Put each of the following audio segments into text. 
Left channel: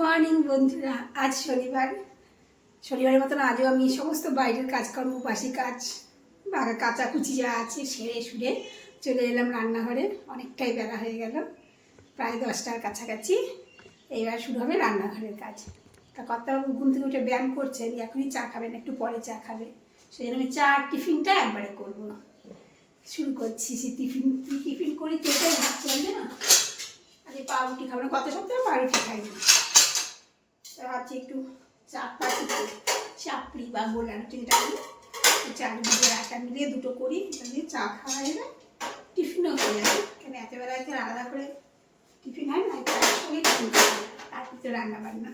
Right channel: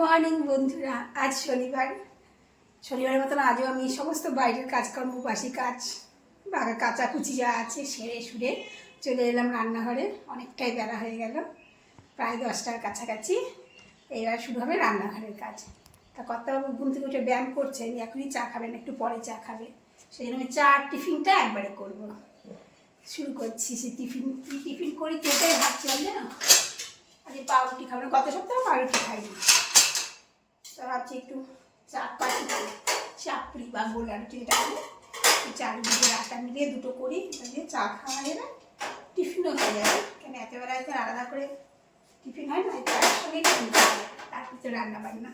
Morning বন্ধুরা, আজ শনিবারের মতন আজও আমি সমস্ত বাইরের কাজকর্ম বাসি কাজ কাচাকুচি যা আছে সেরে সুরে চলে এলাম রান্নাঘরে। অনেকটাই বেলা হয়ে গেল, প্রায় 10টার কাছাকাছি। এইবার শুরু হবে রান্নাঘরের কাজ। তা কর্তাবাবু ঘুম থেকে উঠে ব্যায়াম করছে, এখনই চা খাবেন, একটু পরে চা খাবে। সেই জন্য আমি চা আর টিফিনটা একবারে করবো। শুরু করছি। সে টিফিন করি তেটাই ভাবছি না, আজকে পাউরুটি খাবো না, গত সপ্তাহে পাউরুটি খাইনি। তা ভাবছি একটু চাপড়ি বা গোলা রুটিটা চাল দিয়ে আটা মিলিয়ে দুটো করি, দিয়ে চা খাওয়া যাবে, টিফিনও হয়ে যাবে। কেন এতবেলা হয়তো আলাদা করে টিফিন হয় না, তার সঙ্গে টিফিন খাওয়া যাবে, তারপর তো রান্না বান্না।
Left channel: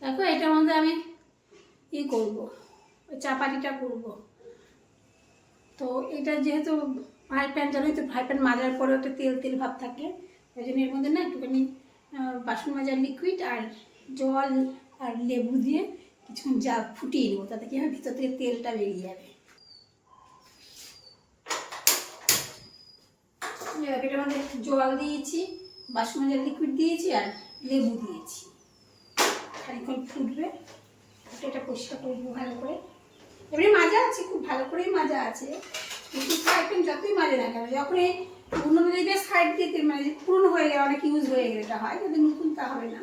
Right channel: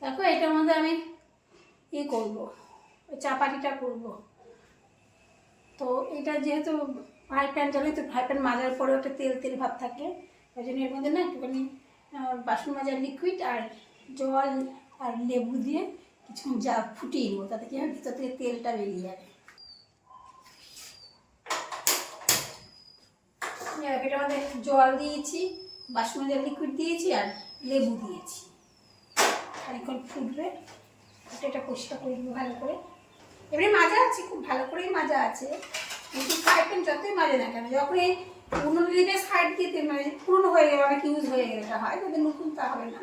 দেখো এটার মধ্যে আমি করবো, চাপাটিটা করবো। তো এটা যেহেতু ফ্রাই প্যান, জানোই তো ফ্রাই প্যান মাজার পরেও একটা তেল তেল ভাব থাকে, ওই জন্য এর মধ্যে না একটুখানি বাসন মাজার লিকুইড আর জল আর লেবু দিয়ে কিছুক্ষণ যা ফুটিয়ে নেবো, তাতে কি হয় ভিতর থেকে তেলটা বেরিয়ে যাবে। এটার মধ্যে জল দিয়েছি, বাসন মাজার লিকুইড দিয়েছি আর লেবু দিয়েছি। খানিক্ষণ ফুটবে, এটা পরিষ্কার করে দেবো ভালো করে। এবারে মাজা আছে, খুব ভালো করেই মাজা আছে, কিন্তু ফ্রাই প্যান যতই মাজে না কেন, যখন এই পুরোনো দিলে সাইড দিয়ে মানে পুরোনো হয়ে গেলে অনেক ইউজ হয়ে গেলে এটা হয়, যদি নতুন তা হবে না।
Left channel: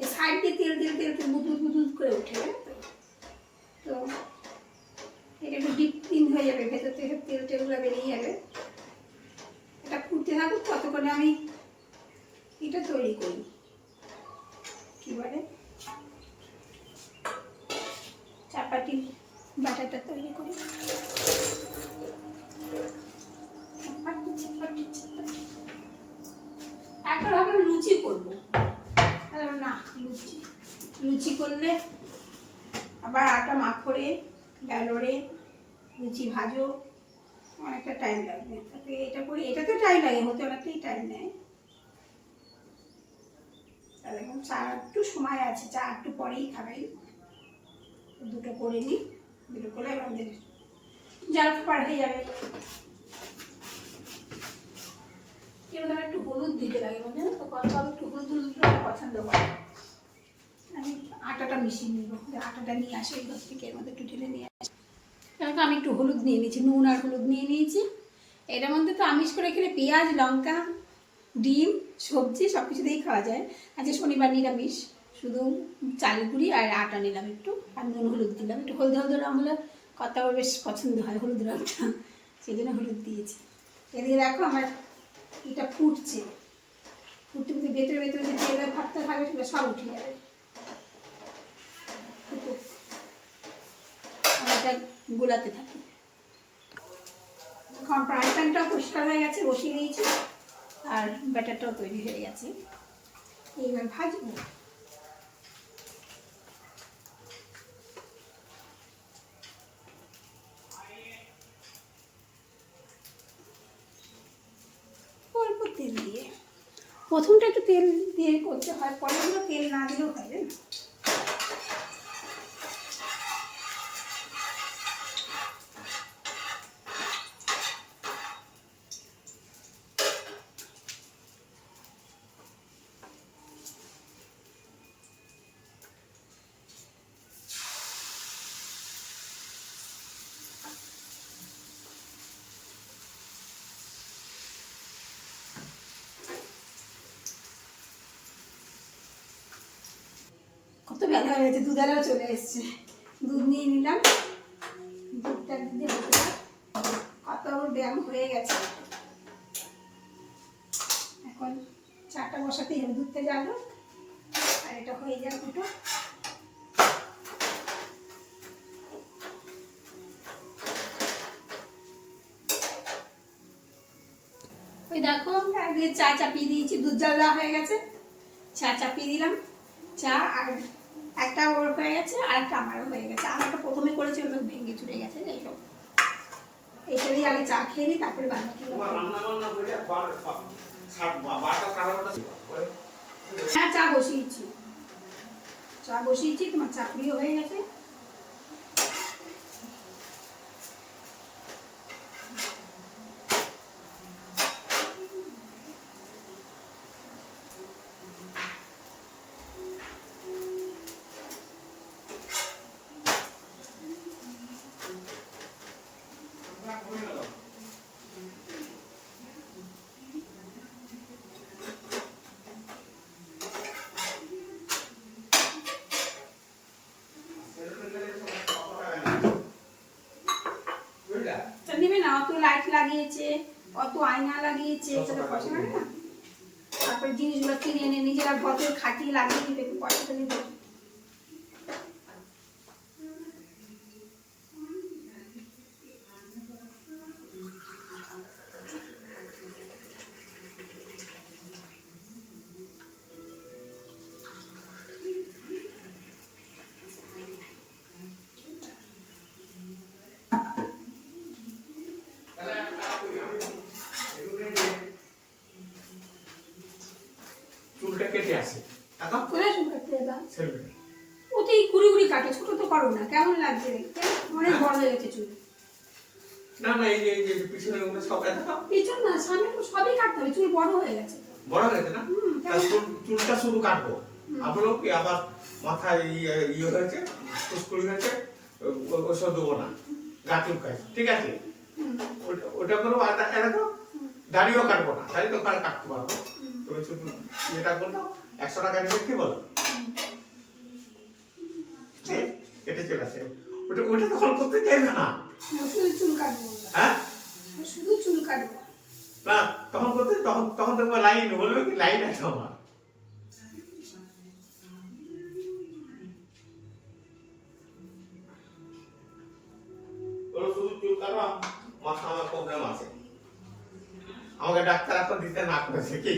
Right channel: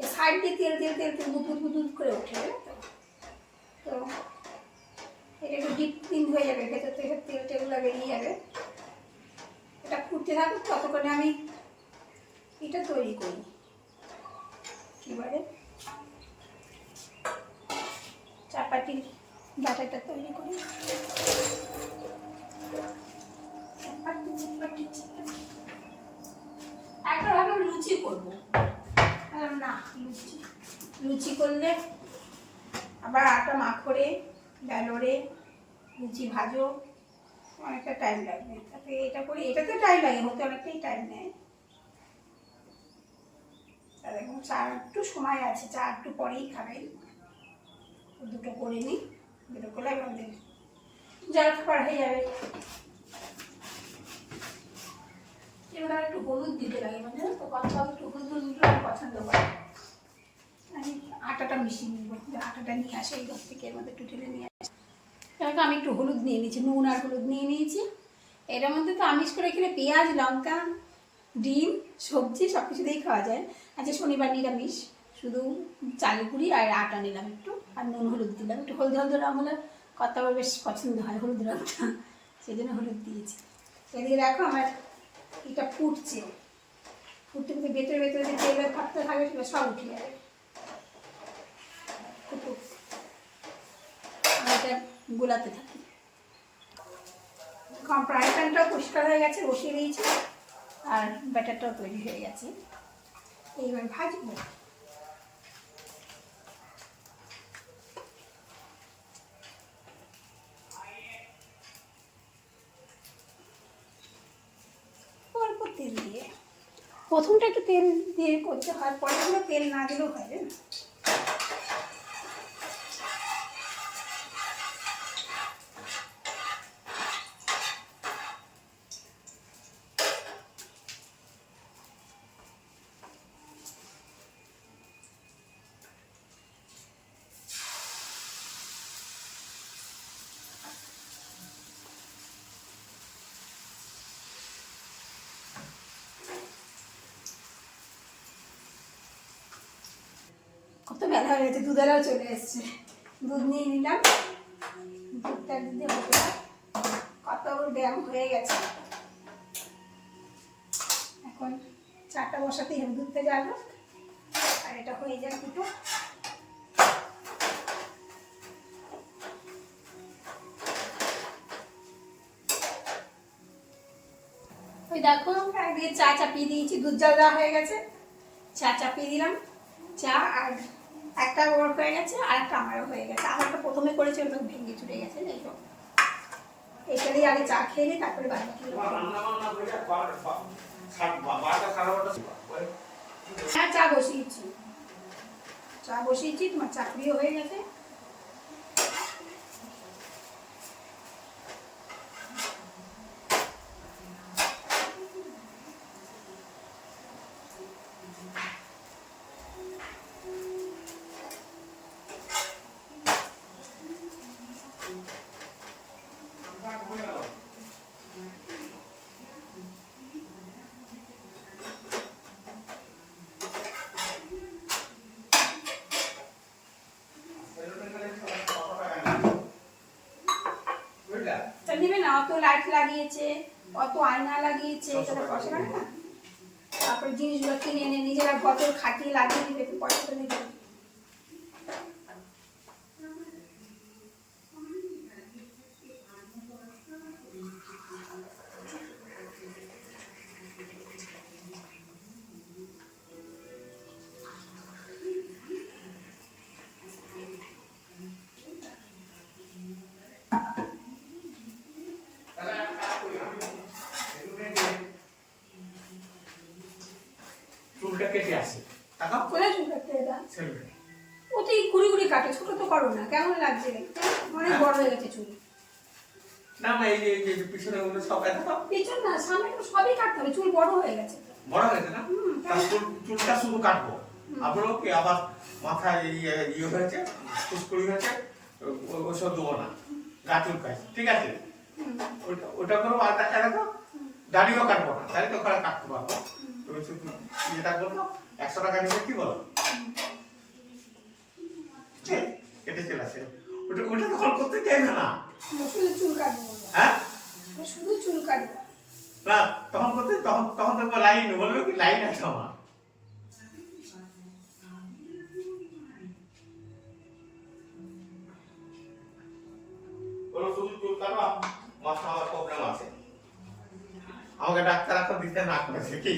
এই সাইড দিয়ে তেল বুদবুদ করে ওঠে, তো এটা একটু ডিপ ক্লিন হয়ে যাবে, ভেতর থেকে তেল টেলগুলো বেরিয়ে যাবে। এটা ফুটতে থাকুক, ততক্ষণে আমি এটা তৈরি করি, কী বলে চাপাটির ব্যাটারটা তৈরি করি। একটা ভাবে লুচি করবো না, লুচি করলে আবার আটা মাখরে বেলরে লুচি ভাজো, অনেকটা টাইম লাগবে। তাতে এটা করি, এটাতে টাইম লাগে, হতে অনেকটাই টাইম নেয়। আর এখন চা একটু সময় আছে, চা একটু পরেই খাবেন। দুটো করে নিই, দুটো করে আমাদের জল খাবার হয়ে যাবে। এবার একটু হলুদ দিতে লাগে, মানে তো কথা একটু হলুদ পছন্দ করে। আমি আটাটা মিশিয়ে নিব, আটাটা নিয়ে আসে এই ঘর থেকে, এর মধ্যে একটু ঢেলে নিয়ে আসে। কারণ আমি একটু হলুদ নিয়ে নিয়েছি, নুন আর হলুদ নিয়ে নিয়েছি। এটার মধ্যে তো আমিষ করে খেলে পেঁয়াজ লঙ্কা ডিম সবজি সব কিছু দিয়েই খাওয়া যায়। আজকে শনিবার নিরামিষ, শুধু চালের গুঁড়ি আর আটা নিলাম একটু, আর নুন হলুদ দিলাম একটু। হলদে রঙ হলে কর্তাবার বেশ পছন্দ হয় হলুদ রঙটা, সেই জন্য হলুদ দিয়েছি। এদিকে দেখো আমার এটা ফুটছে, ফুটতে ফুটতে ভেতরে ভেতরে যে তেলের ভাতটা থাকবে সেটা সব উঠে যাবে। আমি এটা গোলাতে থাকি। ফ্রাই প্যানটাও পরিষ্কার হয়ে গেছে, বসিয়ে দিয়েছি, আর ব্যাটারটাও তৈরি হয়ে গেছে। এইবার ভাজবো। অল্প তেল দিয়ে, প্রথমটা একটু তেল দিয়ে করতে হয়, পরেগুলো তেল না দিলেও হয় না। কত বেলা হয়ে গেছে, দুধেরাও চলে এসছে। দুধ নিয়ে নিলাম, দুধটা দিতে হবে, কত ব্যায়াম হয়ে গেছে। এখন চাটা বসাতেই হবে, দুধটা জ্বালো আর এটা হয়ে যাক দুটো। ওই দেখো একদিকে চা চাপিয়ে দিয়েছি, দুধ জাল দেওয়া হয়ে গেছে, চা চাপিয়ে দিলাম। চা আর একটা ওর হয়ে গেছে, আর একটা আমারও হয়ে গেছে। আর একটা প্রথমে করেছি, ওটা ভেঙে চুড়ে গেছে। যাই হোক, এইটা দিয়ে আগে চা খেয়ে নিই, তারপরে হ্যাঁ চা বসিয়েছি, তোমার চাকরিও হয়ে গেছে। অত লাইট লাগিয়েছে, অত আয়না লাগিয়েছে, সেটা পয়সা লাগে না? তারপরে জিনিসগুলো কিনে এনে নিজেরা ঘরে খাটিয়ে লাগিয়ে দিবে, পয়সাটা নিয়ে দেবে। চুলটা কেটে আসে কোথায় চুল কাটতে দাদা? ও তো এই কুড়ি কুড়ি কাটে, ছোট তো করো না, কেমন লাগছে দেখতে? অনেক বড় হয়ে গেছে চুল। না না, এই যে পিছনে ওগুলো সব এত পিছন না, সামনে তো সবই কাটতে হবে, চুল বড় হয়ে গেছে। বড় হয়ে গেছে না? চুলটা শুধু কাটবো, আপনারও কি আবার মাথায় ইয়ে হয়েছে, ফুসকুড়ি হয়েছে, ওসব দেবো না, গা চুলকায়, ঠিক আছে? ওটা করবো। আর দেখো দাড়িও কাটবো না, দাড়ি তো কাটতে পারবো, তুমি শুধু ইয়েটা করবো। 100 টাকা নেবে, কি বলো? কেটে চলে আসে। ওটা তো হল করতে চাইবে না। শুধু চুল কাটবো। হ্যাঁ, শুধু চুল কাটবো না, তখন করতে তখন দেখবো লাইন, বলবে কি লাইন আছে আমার। শুধু চুল কাটো, মাথা আমার প্রবলেম আছে, আমাকে ডাক্তার এখন দিতে না করেছে কি?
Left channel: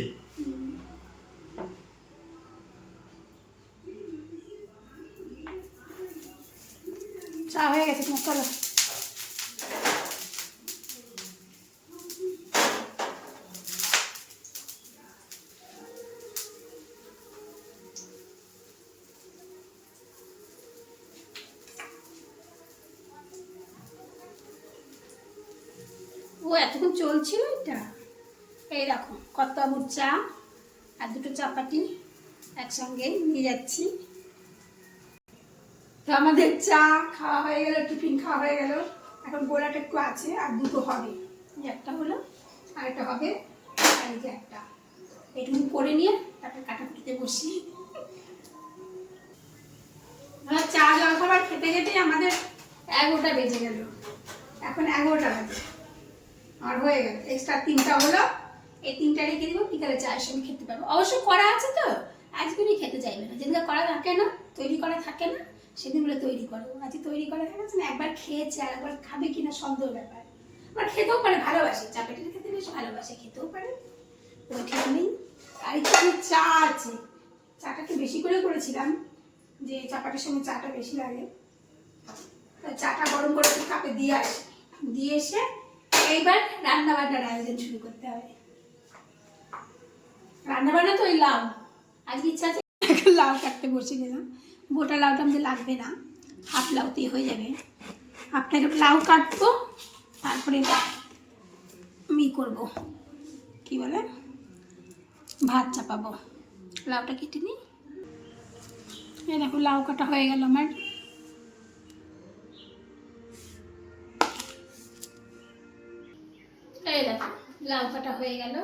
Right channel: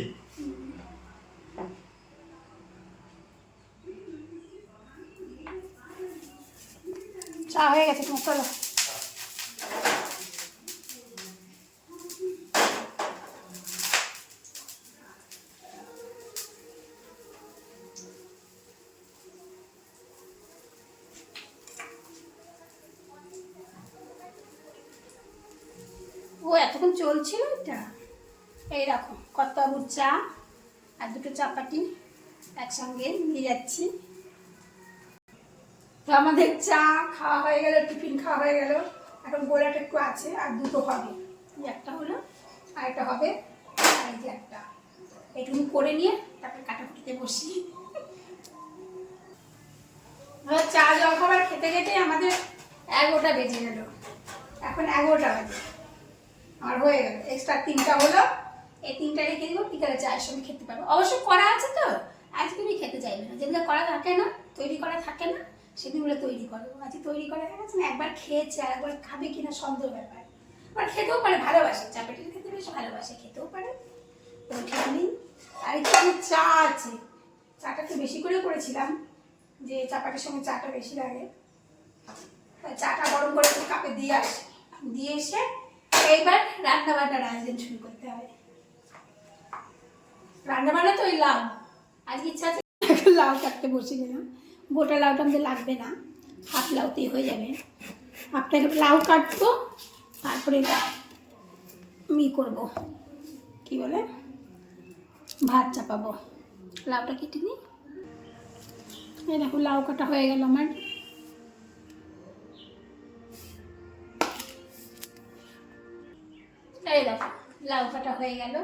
চা হয়ে গেছে তোমার, চলো। ও এতক্ষণ চলছিল এটা। এই দেখো কর্তাবুর চা আর দুটো চাপাটি একসঙ্গে নিয়ে যাচ্ছি। তো আমাদের চা খাওয়া হয়ে গেল, টিফিন খাওয়া হয়ে গেল। এখন গোলাটা একটু আছে, আর দুটো হবে। এই একটা হলো, আর একটা হবে, আর এই যে একটা। এটুকু করে নিয়ে তারপরে কাটাকুটিতে বসি। চা জল খাবার খেতে খেতে আমাদের 11টা বেজে গেল। এখন 11টা বাজে, আর হয়ে গেল। এক্সট্রা 3টা হলো, এই 3টা রেখে দিব, বিকালে চায়ের সঙ্গে খেতে পারবো। অবশ্য করা আছে তো, আজকে উনি খেতে চাইবে না। যেদিন করা থাকে না, তৈরি করা থাকে না, সেদিন বলে তৈরি করবো। আজকে তৈরি করা হয়ে গেছে না, একবার খেয়েছে, আর একবার খাবে কিনা সন্দেহ ব্যাপার। আবার খেতেও পারে, ভালোবাসে, চাপাটির খেতে বেশ ভালোবাসে, খেতেও পারে, কোনো ঠিক নেই। আর একটু চা আছে, চাটা একটু বেশি করে করেছিলাম, যে চাপাটির সঙ্গে চাটা বেশি লাগে। চাটা গরম করে একটু কাপে দিয়ে আসে, দিয়ে এসে এইবার রান্না বান্নার আয়োজন শুরু করতে হবে। রান্না বান্না তো ওই লাউ, আজকে ইচ্ছা আছে লাউ কাটতে বসে গেলাম। গোটা লাউটা আমাদের লাগবে না, হাফ লাউতেই হয়ে যাবে। আপনাকে লাউ কাটবো, তারপরে আমি করবো কি বলে ভাত চাপাবো। লাউটা কেটে নিই। এই দেখো লাউ কাটা হয়ে গেল আমার। এই দেখো লাউ কাটা হয়ে গেল,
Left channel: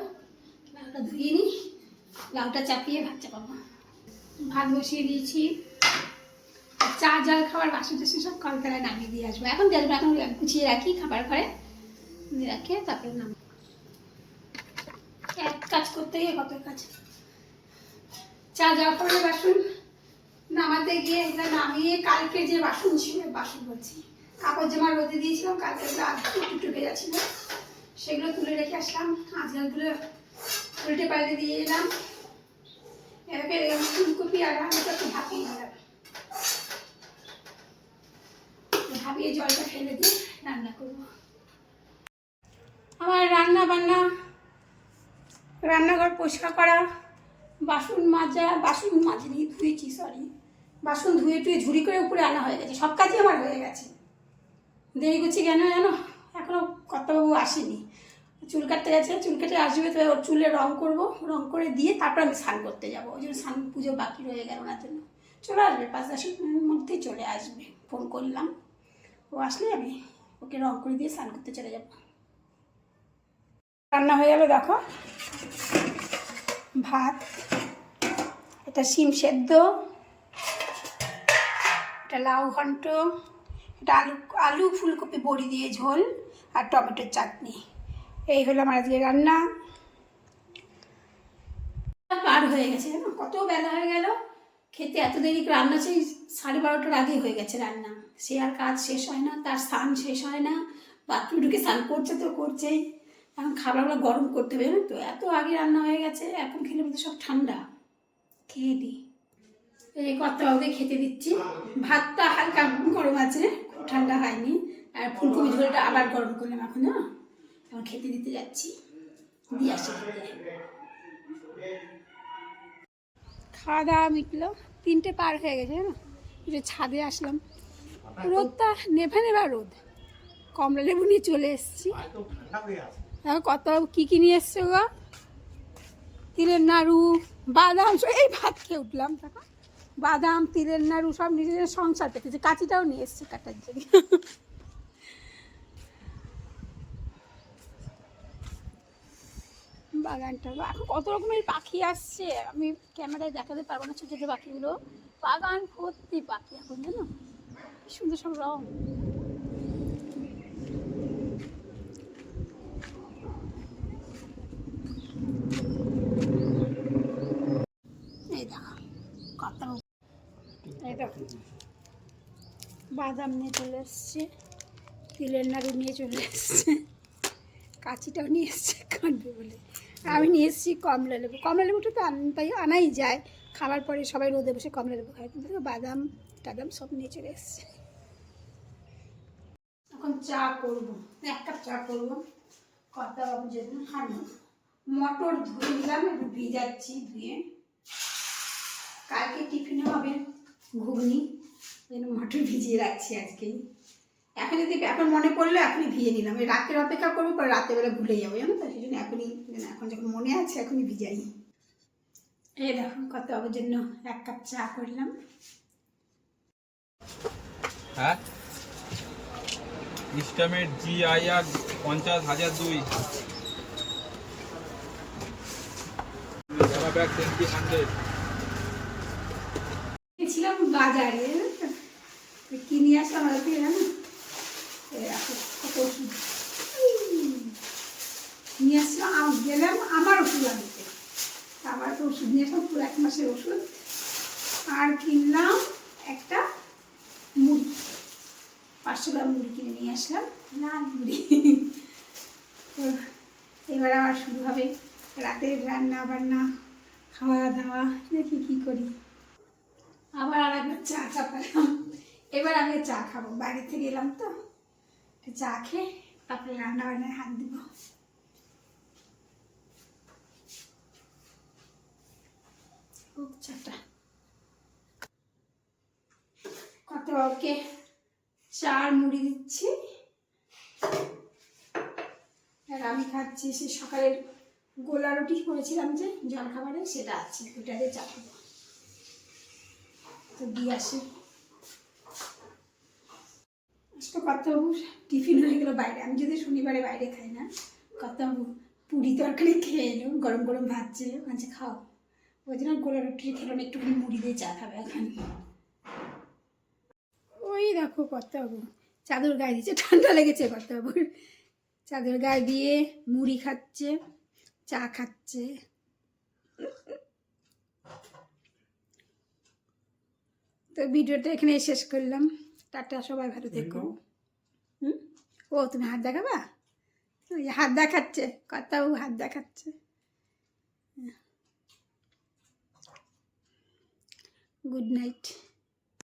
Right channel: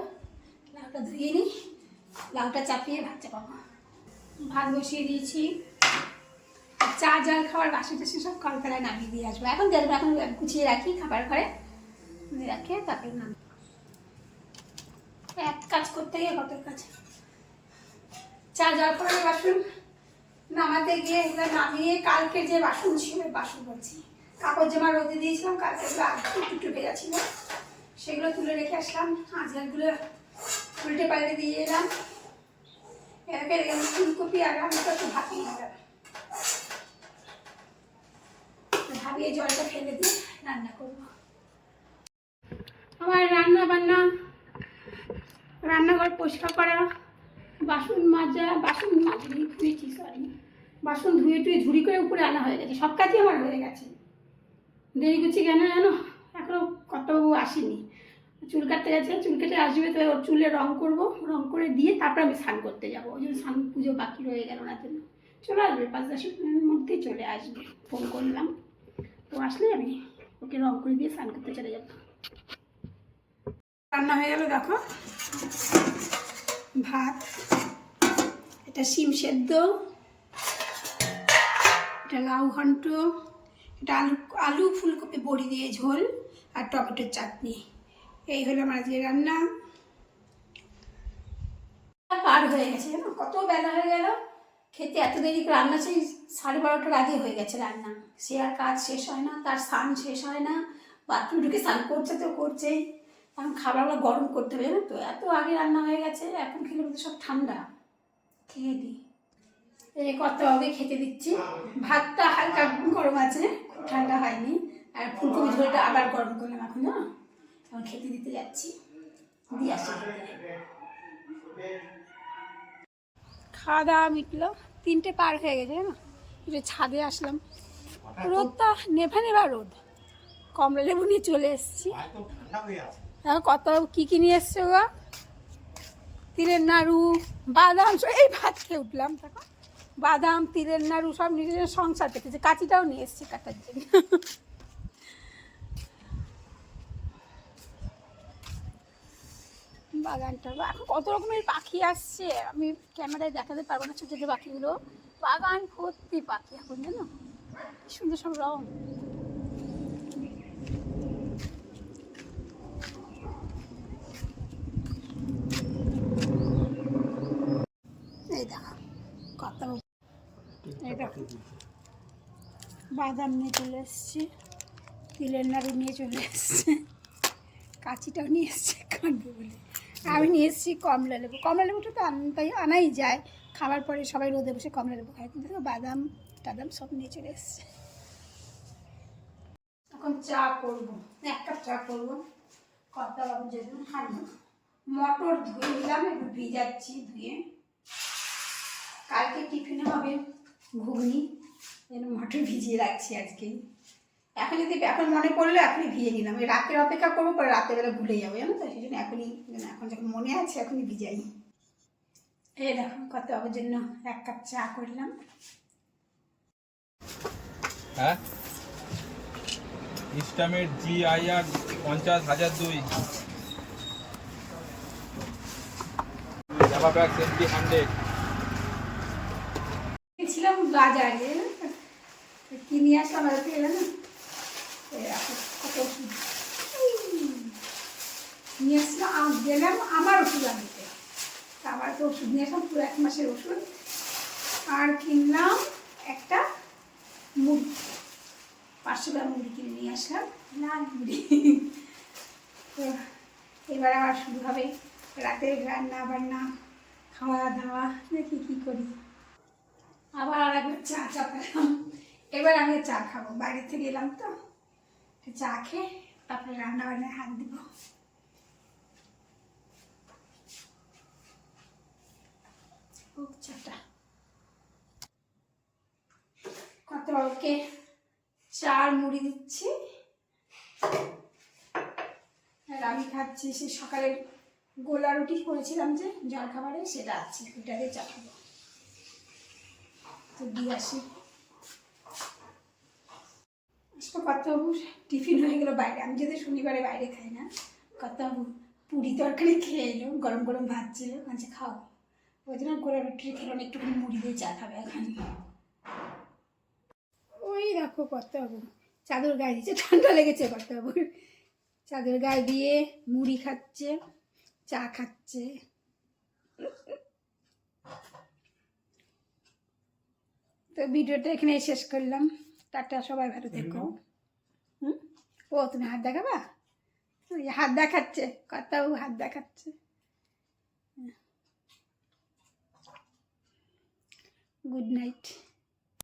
লাউটা ধুয়ে নিই, লাউটা চাপিয়ে ভাত চাপাবো। ভাত বসিয়ে দিয়েছি, চা জল খাবার বাসন টাসন সব কলতলায় নামিয়ে দিয়ে আসবো। এখন দেখবো, এখন গুছিয়ে রাখি খাবার ঘরে রাখে, তারপরে নাম এক কাজ করতে গিয়ে কত কাজ। চা জল খাবারের বাসন নামাতে গিয়ে এগুলো নামিয়ে, কালকে যে বাসন ছিল, বাসন বলছি কাপড় জামা রোদে দিয়েছিলাম, কালকে একটু ভেজা ছিল, সেগুলো তুলে রেখে আসলাম। আজকালগুলো উল্টে পাল্টে দিয়ে এলাম। এবার ফুলকপি আর আলুটা একটু ভাপিয়ে দিলাম, ভাবিয়ে জলটা ফেলে দিয়ে রান্না করবো। আমার রান্নাঘর পরিষ্কার করা, বাসন মাজা, বাসন মাজনি ধুয়েছি, সরি, বাসন ধুয়ে টুয়ে ঝুড়ি করে উপরে আনা হয়ে গেছে, সব কাজই আমার হয়ে গেছে। দেরি করছি কেন জানো? এখনও কর্তাবাবু আসেনি, চুল কাটতে গেছে, চুল কেটে আসবে, তো ওর চুলে রং করবো, রং করে দিয়ে তারপর আমি স্নান করতে যাবো। ওই জন্য স্নান পুজো বাকি রয়ে গেল, ওনার জন্য চলে আসবে 5-10 মিনিটের মধ্যেই চলে আসবে। ফোন করলাম, ও আসলে আমি ওকে রং করে দিয়ে স্নান করতে চলে যাব। রান্না হয়ে গেল, দেখো ভাত, এটা শিম সেদ্ধ, এটা লাউ ঘন্ট, এটা আলু ফুলকপি বড়ি দিয়ে ঝোল, আর টমেটোর চাটনি। এই হলো আমার আজকে রান্না। পার হয়ে গেছে জানো, কত বেলা হয়ে গেল, খেতে এত দেরি, রান্না সেই 12:30টার আগে হয়ে গেছে রান্না। সে আর কাজ শেষ হয় না, তার স্নান শেষ হয় না, বাথরুমে ঢুকে স্নান করছে তো করছেই। এখন খাবারগুলো গরম করতে হবে জানো তো, এত আগে রান্না হয়ে গেছে, এখন খেলে মধ্যে সব ঠান্ডা। খেয়ে দিই, এই কত আগে খেতে দিচ্ছি। ভাতটা হালকা গরম আছে, খুব ঠান্ডা হয়নি। আর ফুলকপি ঝোলটা আবার গরম করলাম এখন, না এখন খেতে দিতে যাচ্ছি, দিয়ে আসি। খাওয়া দাওয়া মিটলো, 3টে পার হয়ে গেছে জানো, একটু ছাদে আসলাম, রোদটা নেভে নেবা রোদ। কমলা লেবু নিয়ে চলে এসেছি। এখন কত কী নিয়ে এসছে গো, তিলের নাড়ু, বাদাম, এই ভাত খেয়ে উঠলাম তখন, বাদাম, তিলের নাড়ু সব নিজের সংসার পেতেছে। কাঁচিটাও নিয়ে এসছে কাটার জন্য। বাগানটা এখন কত রকমের পাখি আসছে, আমি ক্যামেরায় দেখাতে পারবো না ছোটো ছোটো পাখিগুলো। বাগান ভর্তি পাখি এখন জানো, কি সুন্দর সব রং। এই দেখো কত, এই দেখো বাদাম নিয়ে চলে এসছে, তিলের নাড়ু নিয়ে চলে এসছে, কাঁচিটাও নিয়ে এসছে কাটবে বলে। আমি নিয়ে এসেছি কমলা লেবু। কমলা লেবুটা তো আনাই যায়, খাবার পরে সবাই রোদে বসে কমলা লেবু খায়, কিন্তু বাদাম টাদাম সব নিয়ে চলে এসছে। এখন চা করবো, 1 কাপ চা করবো। কথা যেদিন খাবো, মটর ধুয়ে নিলাম, একটু ভিজাচ্ছি, ধুয়ে কালকে টিফিনে হবে ঘুগনি, মটর ভিজিয়ে রাখছি আজকেই। এখন যদি এখন মনে পড়লো এখনই ভিজে নিলাম, ওই রাতের অপেক্ষা করবো, পরে রাতেরবেলা ভুলে যাবো জানো তো, সেই জন্য এখনই, এখন যখন মনে আছে এখনই ভিজাই। এই দেখো কত আবার জন্য 1 কাপ চা করলাম। হ্যাঁ, ইস্টামেট GIR 50,002 জাভা ব্যাগ MP 100। ছিলাম বাজারে, কিনে আসলাম আর কি জানো, কত ওষুধ নিয়ে আসলাম, গেলাম আমার ওষুধ আনতে, আমার তো ওষুধ নিয়ে আসলাম পুরো 1 মাসের ওষুধ। আর কিনলাম একটা মুড়ি, 500 গ্রাম মুড়ি কিনে নিয়ে আসলাম, লাল মুড়ি। তো এবার আবার শুরু হবে রাতের রান্না বান্না, খাওয়া দাওয়া, দেখি কী করি। আবার একবার চা চাপালাম, এবার আমি চা খাবো, বাইরে থেকে এলাম তো, চা খেয়ে তারপরে রান্না বান্নায় হাত দিব। চাটা কত ওকে চার মুড়ি দিচ্ছি, আর আমি খাচ্ছি সে সকালের গোলা রুটি করেছিলাম যে জলখাবারে, সেটা আছে, ওটা দিয়ে চা খাবো। তো দিয়ে আসি। কর্তাবাবুর টিফিন হয়ে গেলো বাইরে, আমি যদি শনিবারে বাইরে খাই না, কর্তাবাবু পুরি তরকারি খেয়ে এলো, গরম গরম ভাত ছিল, আচ্ছা খাও, ওই জন্য গোলা রুটি খেলাম, একটুখানি মুড়ি দিয়ে চা খাবে এখন। ওই দেখো কর্তাবাবু চাদর গায়ে দিচ্ছে, ঠান্ডা লেগেছে কর্তাবাবুর, চাদর গায়ে দিয়ে মুড়ি খাচ্ছে, চা খাচ্ছে। তো ভিডিওটা এখানে শেষ করলাম, টাটা, সবাই ভালো থেকো। ও তুমি হাত দেখাবা, হাত দেখাচ্ছে কর্তাবাবু, হাত দেখাচ্ছে। Good night.